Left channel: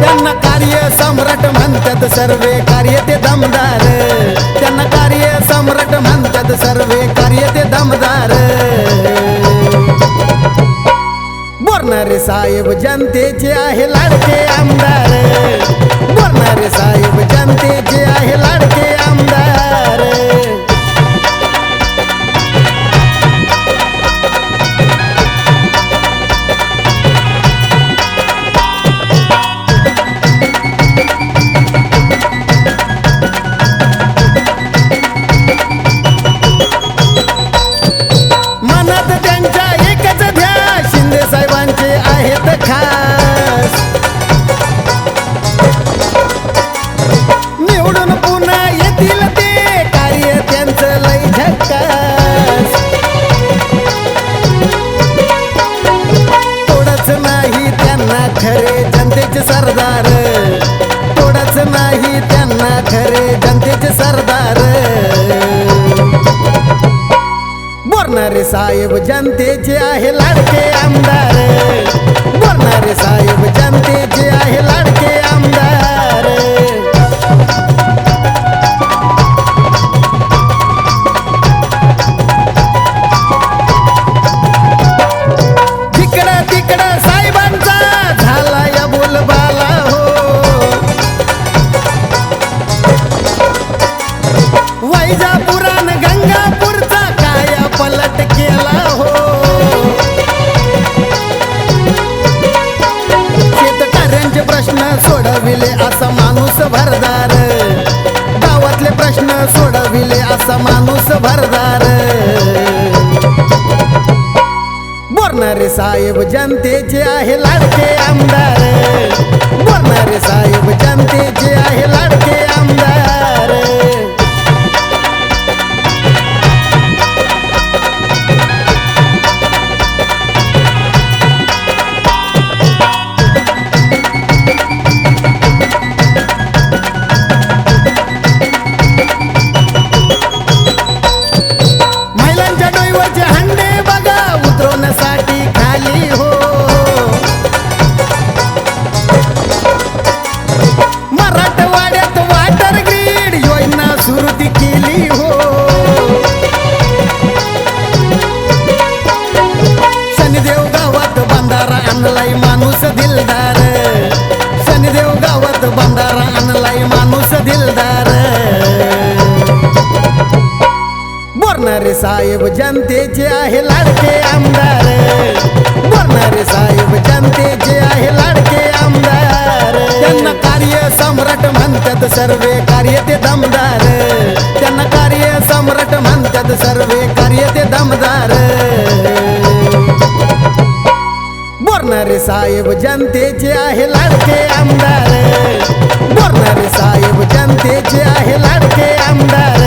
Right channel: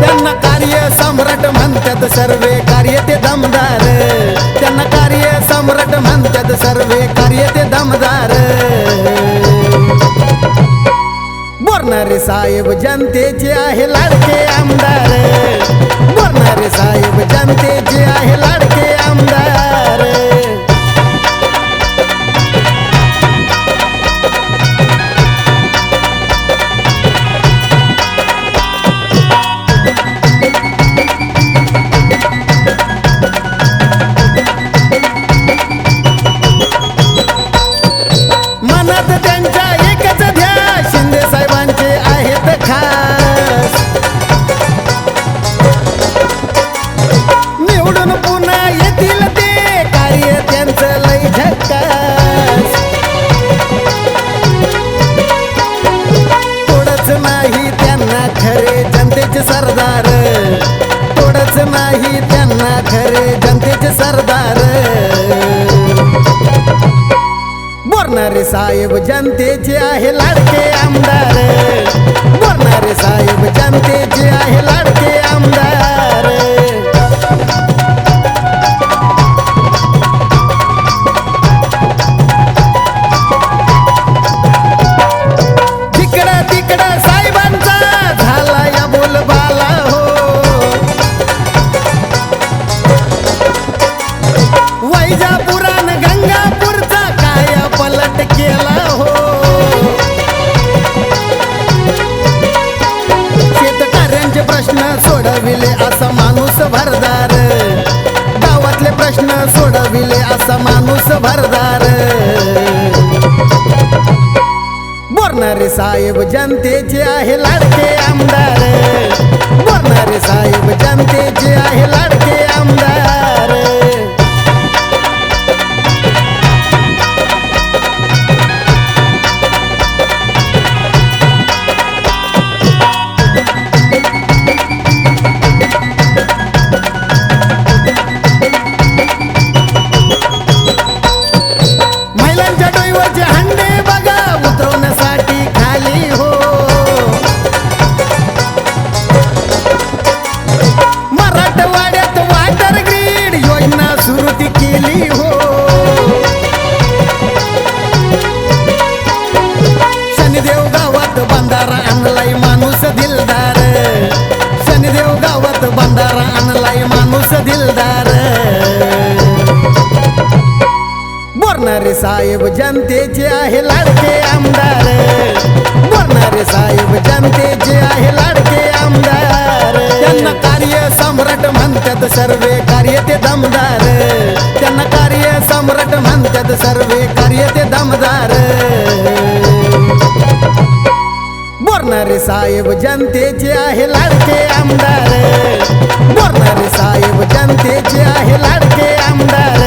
त्यांना कार्य सम्राट म्हणतात सर्वे कार्य ते दमदार, त्यांना कार्य सम्राट म्हणतात सर्वे कार्य ते दमदार। बोरणारे साहेब जनतेचे आहे लाडके आमदार, बोरणारे साहेब जनतेचे आहे लाडके आमदार। मनात त्यांच्या एकच ध्यास शिंदे साहेबांचे आहेत खास, निवडून पुन्हा येतील ते कार्य त्यांचं लय झक्कास। थोडंच नाही त्यांना खरे जनतेचे सरदार, थोडंच नाही त्यांना खरे जनतेचे सरदार। बोरणारे साहेब जनतेचे आहे लाडके आमदार, बोरणारे साहेब जनतेचे आहे लाडके आमदार। जिकडं तिकडं साहेबांचा झाला या बोलबाला हो, वैजापुरान गंगापूरचा काय पलट केला हो। शेतकऱ्यांचे प्रश्न सोडविले असा माणूस भरदार, गावातले प्रश्न सोडविले असा माणूस भरदार। बोरणारे साहेब जनतेचे आहे लाडके आमदार, बोरणारे साहेब जनतेचे आहे लाडके आमदार। महिलांच्या डोईवरचे हंडे बघा उतरवण्यासाठी खाली हो, मराठवाड्यात वॉटर ग्रीड योजना सुरू ती केली हो। शनिदेव गावात बंधारा आणलाय माणूस दिलदार, शनिदेव गावात बंधारा आणलाय माणूस दिलदार। बोरणारे साहेब जनतेचे आहे लाडके आमदार, बोरणारे साहेब जनतेचे आहे लाडके आमदार। त्यांना कार्य सम्राट म्हणतात सर्वे कार्य ते दमदार, त्यांना कार्य सम्राट म्हणतात सर्वे कार्य ते दमदार। बोरणारे साहेब जनतेचे आहे लाडके आमदार, बोरणारे साहेब जनतेचे आहे लाडके आमदार।